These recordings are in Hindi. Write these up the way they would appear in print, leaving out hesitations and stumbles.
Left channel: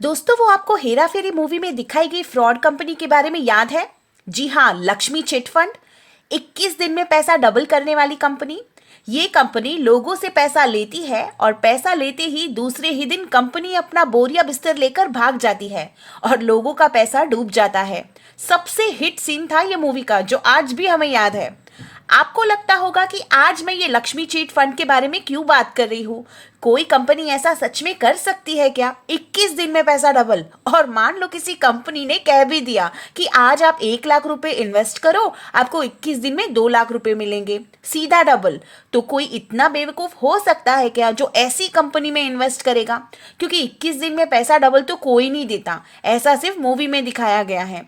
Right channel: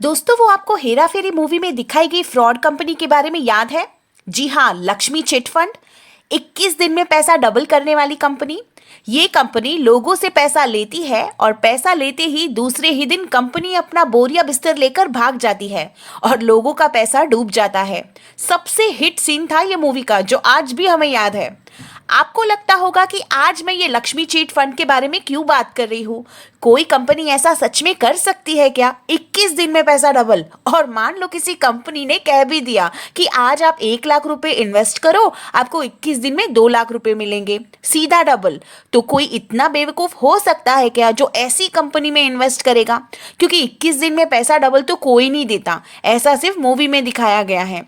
दोस्तों, वो आपको हेरा फेरी मूवी में दिखाई गई फ्रॉड कंपनी के बारे में याद है? जी हाँ, लक्ष्मी चिट फंड। 21 दिन में पैसा डबल करने वाली कंपनी। ये कंपनी लोगों से पैसा लेती है और पैसा लेते ही दूसरे ही दिन कंपनी अपना बोरिया बिस्तर लेकर भाग जाती है और लोगों का पैसा डूब जाता है। सबसे हिट सीन था ये मूवी का, जो आज भी हमें याद है। आपको लगता होगा कि आज मैं ये लक्ष्मी चीट फंड के बारे में क्यों बात कर रही हूँ। कोई कंपनी ऐसा सच में कर सकती है क्या? 21 दिन में पैसा डबल। और मान लो किसी कंपनी ने कह भी दिया कि आज आप 1 लाख रुपए इन्वेस्ट करो, आपको 21 दिन में 2 लाख रुपए मिलेंगे, सीधा डबल। तो कोई इतना बेवकूफ हो सकता है क्या जो ऐसी कंपनी में इन्वेस्ट करेगा? क्योंकि 21 दिन में पैसा डबल तो कोई नहीं देता, ऐसा सिर्फ मूवी में दिखाया गया है।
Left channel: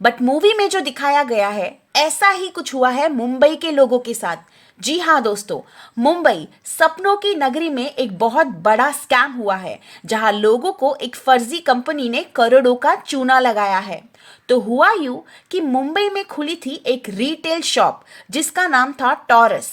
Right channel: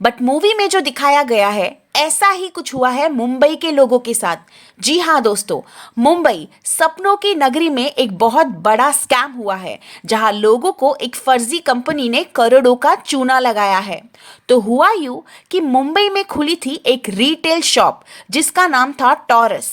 बट मूवी में जो दिखाया गया है, ऐसा ही कुछ हुआ है मुंबई के लोगों के साथ। जी हाँ दोस्तों, मुंबई सपनों की नगरी में एक बहुत बड़ा स्कैम हुआ है, जहां लोगों को एक फर्जी कंपनी ने करोड़ों का चूना लगाया है। तो हुआ यूं कि मुंबई में खुली थी एक रिटेल शॉप जिसका नाम था टॉरस।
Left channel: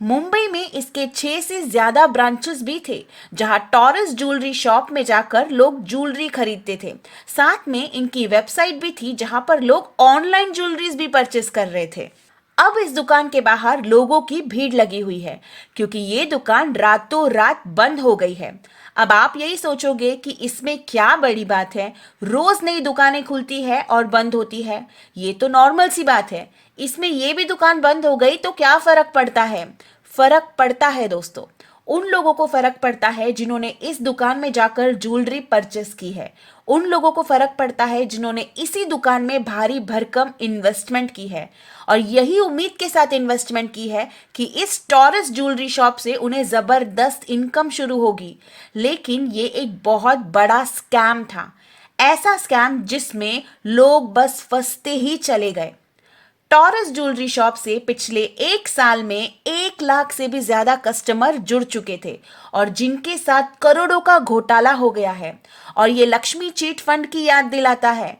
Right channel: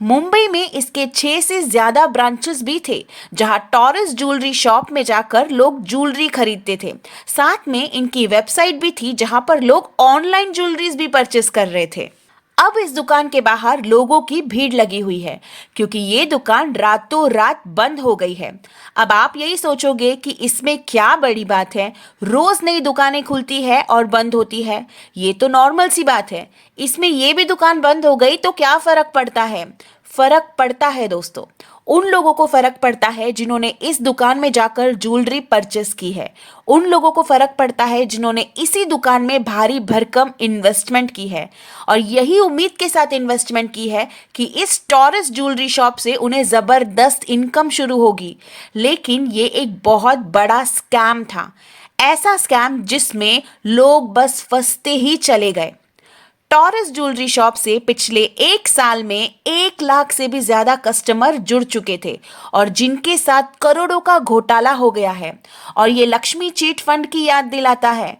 मुंबई में इसके 6 से ज्यादा ब्रांचेस भी थे, जहां टॉरस ज्वेलरी शॉप में जाकर लोग ज्वेलरी खरीदते थे। साथ में इनकी वेबसाइट भी थी, जहां पर लोग ऑनलाइन ज्वेलरीज भी परचेस कर रहे थे। अब इस दुकान के बाहर लोगों की भीड़ लगी हुई है, क्योंकि ये दुकान रातों रात बंद हो गई है। अब आप यही सोचोगे कि इसमें क्या बड़ी बात है, रोज नई दुकानें खुलती है और बंद होती है, ये तो नॉर्मल सी बात है। इसमें ये भी दुकान बंद हो गई तो क्या फर्क पड़ता है? फर्क पड़ता है दोस्तों। उन लोगों को फर्क पड़ता है जिन्होंने इस दुकान में जाकर ज्वेलरी परचेस की है। उन लोगों को फर्क पड़ता है जिन्होंने इसी दुकान में भारी भरकम इन्वेस्टमेंट की है, और यही उम्मीद के साथ इन्वेस्टमेंट की है कि इस टॉरस ज्वेलरी शॉप से उन्हें जबरदस्त इनकम शुरू होगी। लेकिन ये एक बहुत बड़ा स्कैम था, ऐसा स्कैम जिसमें लोग बस फंसते ही चले गए। टॉरस ज्वेलरी शॉप से पिछले 1 साल में 1 लाख से भी ज्यादा कस्टमर जुड़ चुके थे, और जिनके साथ करोड़ों का घोटाला हो गया है। और ये लक्ष्मी चीट फंड की याद दिलाता है।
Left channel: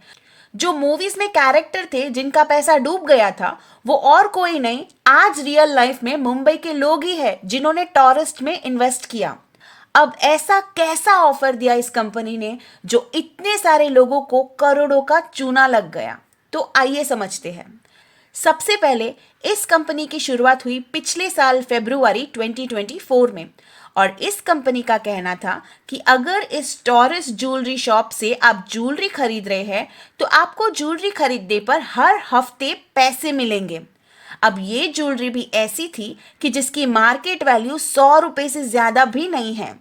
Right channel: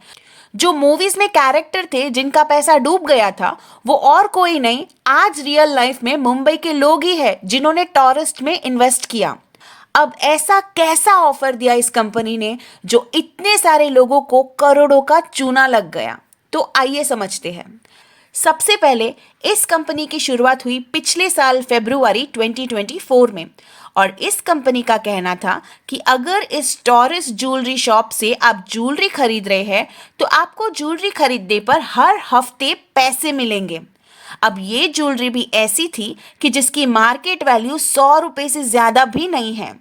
जो मूवीज में कैरेक्टर थे जिनका पैसा डूब गया था, वो और कोई नहीं, आज रियल लाइफ में मुंबई के लोग ही हैं जिन्होंने टॉरस में इन्वेस्ट किया। अब ऐसा कैसा ऑफर दिया इस कंपनी ने जो इतने सारे लोगों को करोड़ों का चूना लग गया? तो आइए समझते हैं। सबसे पहले इस कंपनी की शुरुआत हुई पिछले साल फरवरी 2024 में, और इस कंपनी का कहना था कि अगर इस टॉरस ज्वेलरी शॉप से आप ज्वेलरी खरीद रहे हैं तो आपको ज्वेलरी खरीदने पर हर हफ्ते पैसे मिलेंगे। अब ये ज्वेलरी भी ऐसी थी कि जिसकी मार्केट वैल्यू 100 रुपए से ज्यादा भी नहीं है।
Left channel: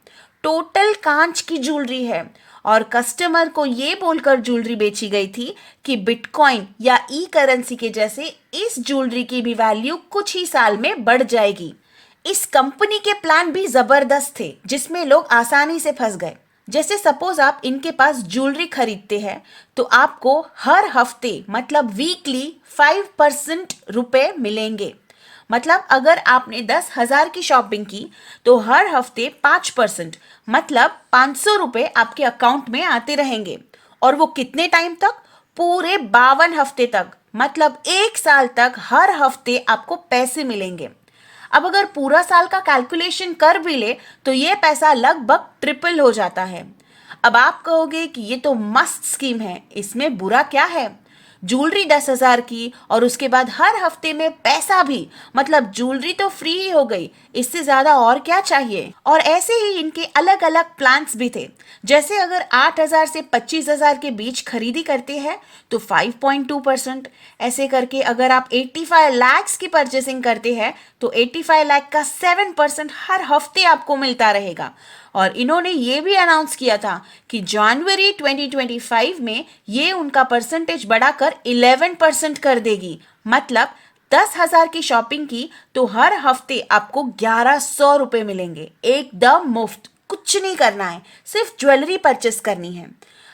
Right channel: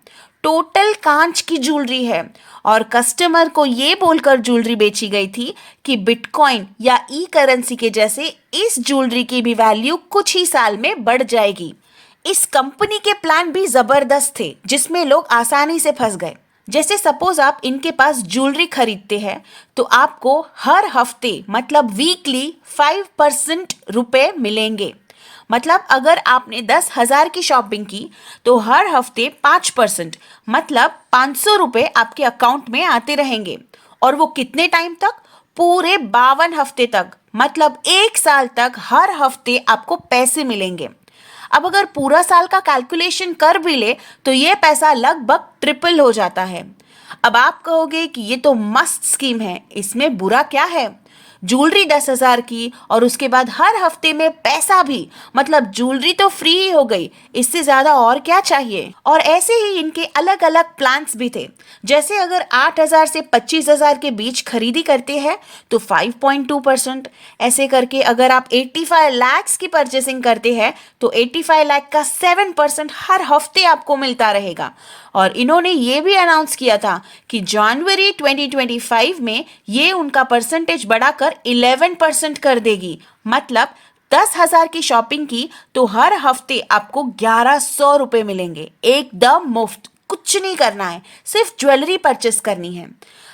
टोटल कांच की ज्वेलरी है, और कस्टमर को ये बोलकर ज्वेलरी बेची गई थी कि बिटकॉइन या ई करेंसी के जैसे इस ज्वेलरी की भी वैल्यू कुछ ही साल में बढ़ जाएगी। इस कंपनी के प्लान भी जबरदस्त थे, जिसमें लोग आसानी से फंस गए। जैसे सपोज आप इनके पास ज्वेलरी खरीदते हैं तो आपको हर हफ्ते मतलब वीकली 5% रुपए मिलेंगे। मतलब अगर आपने 10,000 की शॉपिंग की तो हर हफ्ते 5% मतलब 500 रुपए आपके अकाउंट में आते रहेंगे। और वो कितने टाइम तक? पूरे 52 हफ्ते तक, मतलब 1 साल तक हर हफ्ते आपको पैसे मिलेंगे। अब अगर पूरा साल का कैलकुलेशन कर भी ले तो ये पैसा लगभग ट्रिपल हो जाता है। अब आप कहोगे कि ये तो मस्त स्कीम है, इसमें बुरा क्या है? ज्वेलरी 10,000 की और उसके बाद हर हफ्ते में पैसा भी, मतलब ज्वेलरी तो फ्री ही हो गई, इससे ज्यादा और क्या चाहिए? और ऐसे ही इनके अलग अलग प्लान्स भी थे। जैसे अगर 8,000 से 25,000 के बीच खरीदी करते हैं तो 5.2%, ऐसे करके अगर आप 85 लाख की परचेसिंग करते हैं तो 85 लाख का 7% हर हफ्ते आपको मिलता रहेगा। और इन्होंने ये भी अनाउंस किया था कि जनवरी 2025 में ये उनका परसेंटेज बढ़ाकर 11% कर देगी। मतलब 10,000 की शॉपिंग की तो हर हफ्ते आपको 1,100 रुपए मिलेंगे, एकदम मुफ्त। कुछ नहीं करना है, सिर्फ ज्वेलरी परचेस करनी है।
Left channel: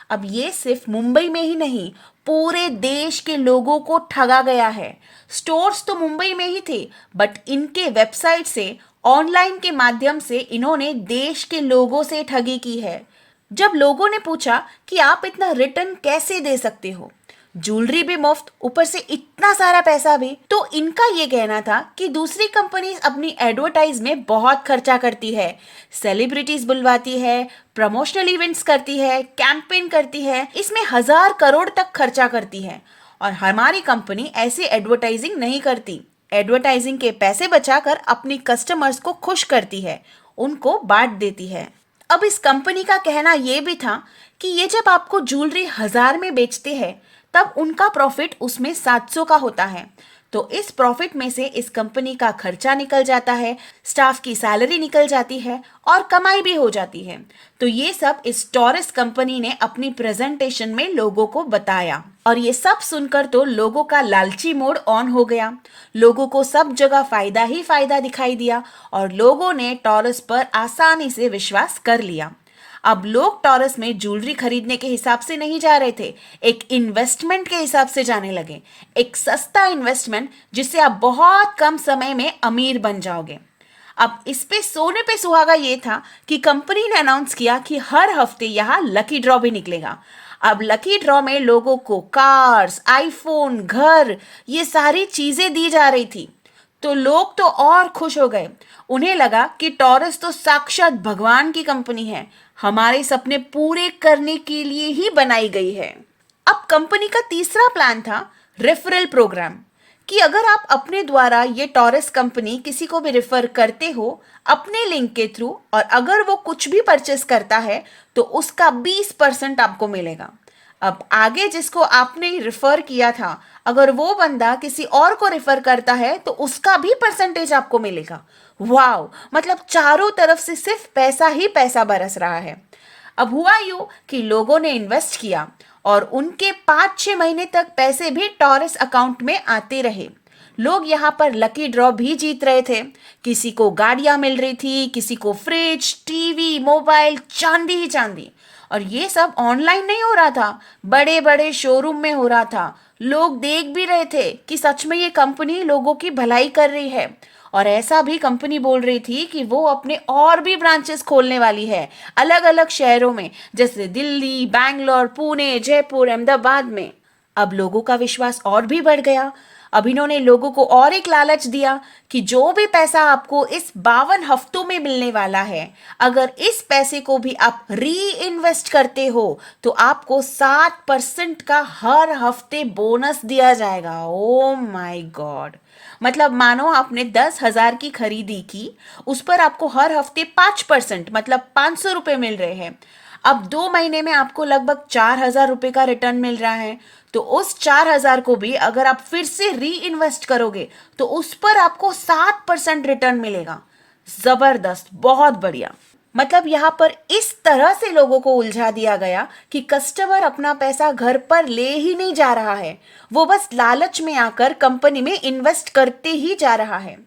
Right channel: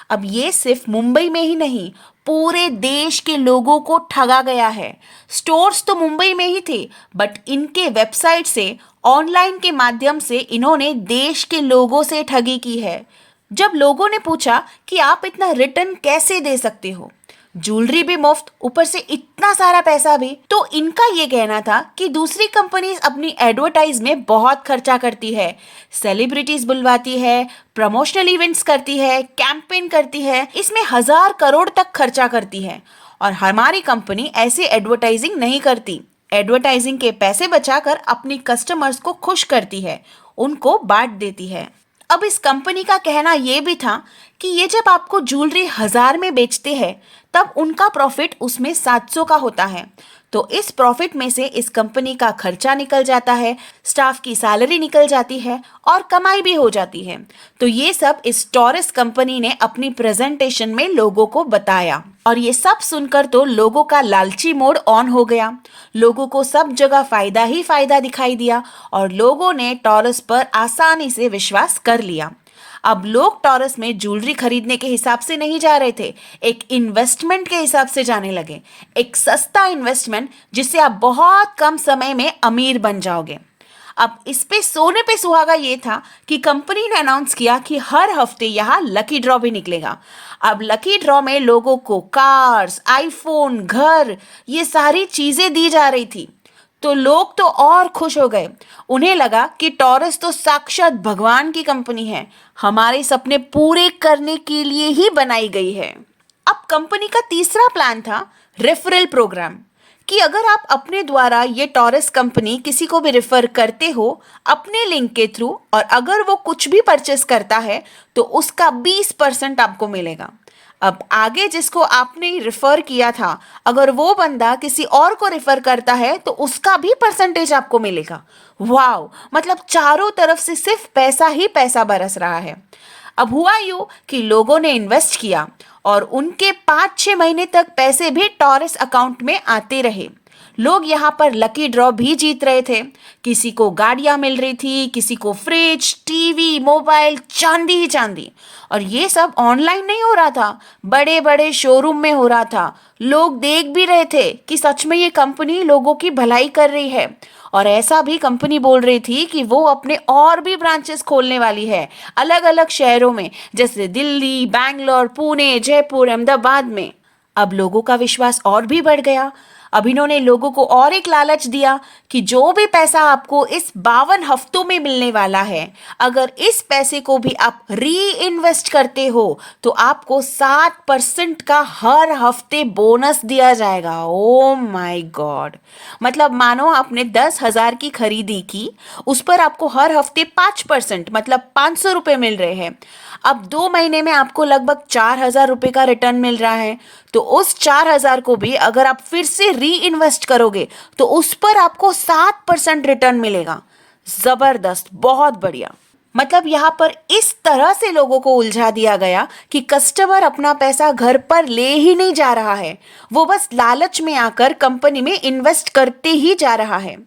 अब ये सिर्फ मुंबई में ही नहीं, पूरे देश के लोगों को ठगा गया है। स्टोर्स तो मुंबई में ही थे, बट इनके वेबसाइट से, ऑनलाइन के माध्यम से इन्होंने देश के लोगों से ठगी की है। जब लोगों ने पूछा कि आप इतना रिटर्न कैसे दे सकते हो, ज्वेलरी भी मुफ्त, ऊपर से इतना सारा पैसा भी। तो इनका ये कहना था कि दूसरी कंपनीज अपनी एडवर्टाइज में बहुत खर्चा करती है, सेलिब्रिटीज बुलवाती है, प्रमोशनल इवेंट्स करती है, कैंपेन करती है, इसमें 1,000 करोड़ तक खर्चा करती है, और हमारी कंपनी ऐसी एडवर्टाइजिंग नहीं करती। एडवर्टाइजिंग के पैसे बचाकर अपनी कस्टमर्स को खुश करती है, उनको बांट देती है। अब इस कंपनी का कहना यह भी था कि ये जब आपको ज्वेलरी 1,000 में बेचते हैं तब उनका प्रॉफिट उसमें 700 का होता है। तो इस प्रॉफिट में से इस कंपनी का खर्चा निकल जाता है, स्टाफ की सैलरी निकल जाती है और कमाई भी हो जाती है। तो ये सब इस टॉरस कंपनी ने अपनी प्रेजेंटेशन में लोगों को बताया, और ये सब सुनकर तो लोगों का लालची मोड ऑन हो गया। लोगों को सब जगह फायदा ही फायदा दिखाई दिया और लोगों ने टॉरस पर आसानी से विश्वास कर लिया। अब लोग टॉरस में ज्वेलरी खरीदने के हिसाब से नहीं जा रहे थे, एक इन्वेस्टमेंट के हिसाब से जाने लगे। एक सस्ता इन्वेस्टमेंट जिससे आप बहुत कम समय में अमीर बन जाओगे। अब इस पे सोने पे सुहागा ये था कि कंपनी ने अनाउंस किया कि हर हफ्ते यहाँ लकी ड्रॉ भी निकलेगा। अब लकी ड्रॉ में लोगों को कार्स, आईफोन, घर, ये सारी चीजें दी जा रही थी। तो लोग तो और खुश हो गए। उन्हें लगा कि टॉरस तो साक्षात भगवान की कंपनी है, हमारे सपने पूरे करने के लिए ही बनाई गई है। अब कंपनी का तीसरा प्लान था रेफरल प्रोग्राम, कि अगर आप अपने द्वारा ये टॉरस कंपनी किसी को भी रेफर करते हो अपने लिंक के थ्रू, और अगर वो कुछ भी परचेस करता है तो उसका 20% आपको मिलेगा। अब आगे जिसको आपने रेफर किया था, अगर वो बंदा किसी और को रेफर करता है तो उसका भी परसेंटेज आपको मिलेगा। वाव, मतलब चारों तरफ से सिर्फ पैसा ही पैसा बरस रहा है। अब हुआ यूं कि लोगों ने इन्वेस्ट किया और उनके 5-6 महीने तक पैसे भी टॉरस अकाउंट में आते रहे। लोग यहाँ पर लकी ड्रॉ भी जीत रहे थे। किसी को गाड़ियां मिल रही थी, किसी को फ्रिज, टीवी, मोबाइल, चांदी ही चांदी। और ये सब ऑनलाइन नहीं हो रहा था, बड़े बड़े शोरूम में हो रहा था। लोग देख भी रहे थे कि सच में ये कंपनी लोगों की भलाई कर रही है। और ऐसा भी कंपनी बोल रही थी कि वो अपने और भी ब्रांचेस खोलने वाली है अलग अलग शहरों में, जैसे दिल्ली, बैंगलोर, पुणे, जयपुर, अहमदाबाद में। अब लोगों का विश्वास और भी बढ़ गया। अब इन्होंने लोगों को और एक लालच दिया कि जो भी पैसा आपको इस 52 हफ्तों में मिलने वाला है, अगर इस पैसे को भी आप री इन्वेस्ट करते हो तो आपको 7% का हर हफ्ते बोनस दिया जाएगा। ओ माय गॉड, मतलब मानो आपने 10,000 की खरीदी की, उस पर आपको हर हफ्ते 5% मतलब 500 रुपये मिल रहे हैं। अब 2 महीने में आपको लगभग 4,000 रुपये का रिटर्न मिल रहा है। तो उस 4,000 को भी अगर आप फिर से री इन्वेस्ट करोगे तो उस पर आपको 7% रिटर्न मिलेगा। जबरदस्त, बहुत बढ़िया। मतलब यहाँ पर इस तरह से लोगों को उलझा दिया गया कि कस्टमर अपना पैसा घर पर ले ही नहीं जा रहा है, वो बस लालच में आकर कंपनी में इन्वेस्ट करते ही जा रहा है।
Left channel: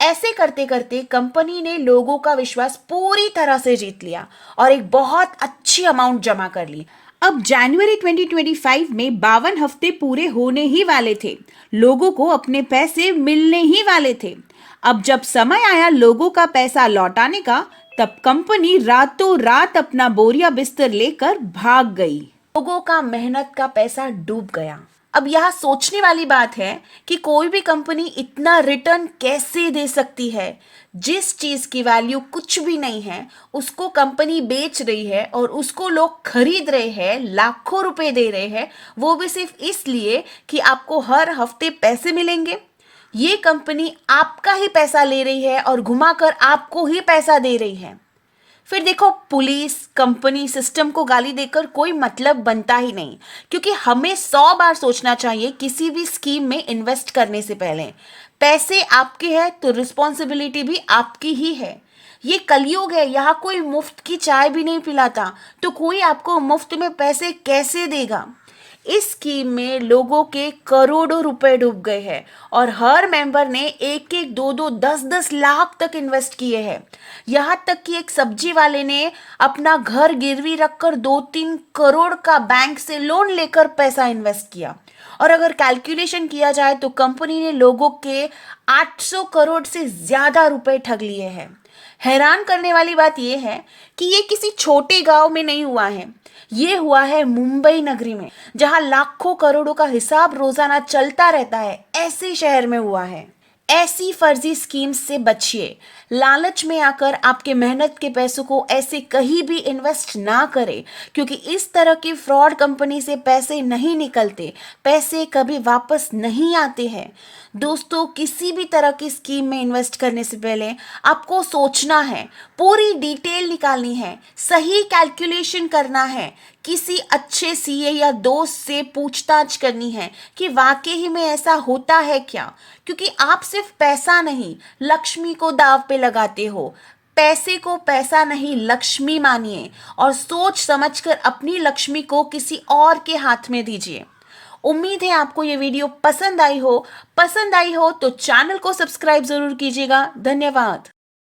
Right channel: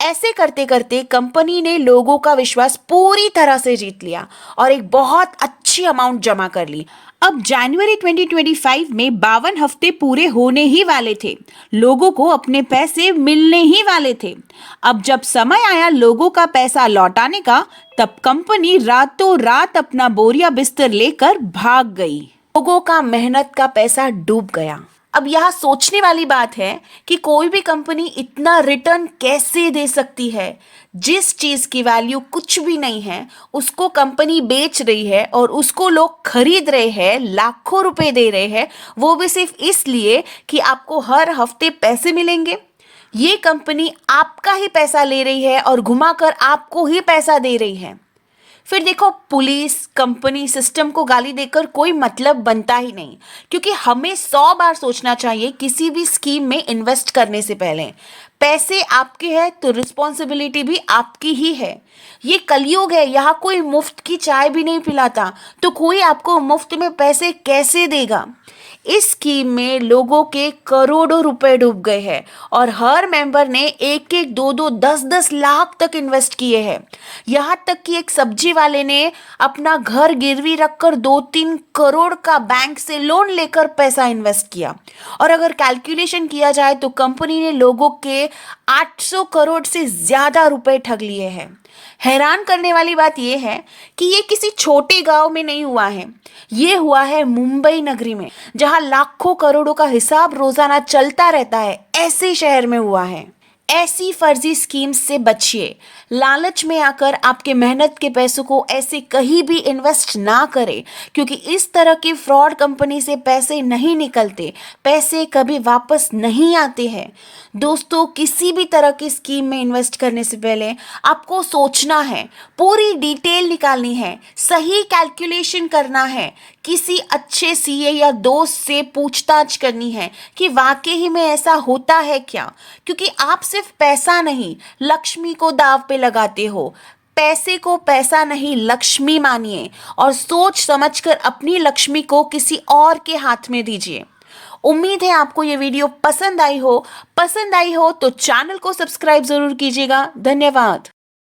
ऐसे करते करते कंपनी ने लोगों का विश्वास पूरी तरह से जीत लिया और एक बहुत अच्छी अमाउंट जमा कर ली। अब जनवरी 2025 में 52 हफ्ते पूरे होने ही वाले थे, लोगों को अपने पैसे मिलने ही वाले थे। अब जब समय आया लोगों का पैसा लौटाने का, तब कंपनी रातों रात अपना बोरिया बिस्तर लेकर भाग गई। लोगों का मेहनत का पैसा डूब गया। अब यहाँ सोचने वाली बात है कि कोई भी कंपनी इतना रिटर्न कैसे दे सकती है। जिस चीज की वैल्यू कुछ भी नहीं है उसको कंपनी बेच रही है और उसको लोग खरीद रहे हैं, लाखों रुपए दे रहे हैं, वो भी सिर्फ इसलिए कि आपको हर हफ्ते पैसे मिलेंगे। ये कंपनी आपका ही पैसा ले रही है और घुमाकर आपको ही पैसा दे रही है। फिर देखो, पुलिस, कंपनी, सिस्टम को गाली देकर कोई मतलब बनता ही नहीं, क्योंकि हमें 100 बार सोचना चाहिए किसी भी स्कीम में इन्वेस्ट करने से पहले। पैसे आपके हैं तो रिस्पॉन्सिबिलिटी भी आपकी ही है। ये कलयुग है, यहाँ कोई मुफ्त की चाय भी नहीं पिलाता, तो कोई आपको मुफ्त में पैसे कैसे देगा। इस स्कीम में लोगों के करोड़ों रुपए डूब गए हैं और हर मेंबर ने 1-1, 2-2, 10-10 लाख तक इन्वेस्ट किए हैं। यहाँ तक कि एक सब्जी वाले ने अपना घर गिरवी रखकर 2-3 करोड़ का बैंक से लोन लेकर पैसा इन्वेस्ट किया। और अगर कैलकुलेशन किया जाए तो कंपनी ने लोगों के 800 करोड़ से ज्यादा रुपए ठग लिए हैं। हैरान करने वाली बात यह है कि ये किसी छोटे गांव में नहीं हुआ है, ये हुआ है मुंबई नगरी में, जहां लाखों करोड़ों का हिसाब रोजाना चलता रहता है। ऐसे शहर में हुआ है। ऐसी फर्जी स्कीम्स से बचिए। लालच में आकर आपके मेहनत के पैसों को ऐसे कहीं भी इन्वेस्ट ना करें, क्योंकि इस तरह की फ्रॉड कंपनी से पैसे नहीं निकलते, पैसे कभी वापस नहीं आते हैं। दोस्तों, किसी भी तरह की स्कीम में इन्वेस्ट करने से पहले आपको सोचना है, पूरी डिटेल निकालनी है, सही कैलकुलेशन करना है, किसी अच्छे सीए या दोस्त से पूछताछ करनी है कि वाकई ही में ऐसा होता है क्या, क्योंकि आप सिर्फ पैसा नहीं, लक्ष्मी को दाव पे लगाते हो। पैसे को पैसा नहीं, लक्ष्मी मानिए और सोच समझकर अपनी लक्ष्मी को किसी और के हाथ में दीजिए। उम्मीद है आपको ये वीडियो पसंद आई हो तो चैनल को सब्सक्राइब जरूर कीजिएगा। धन्यवाद।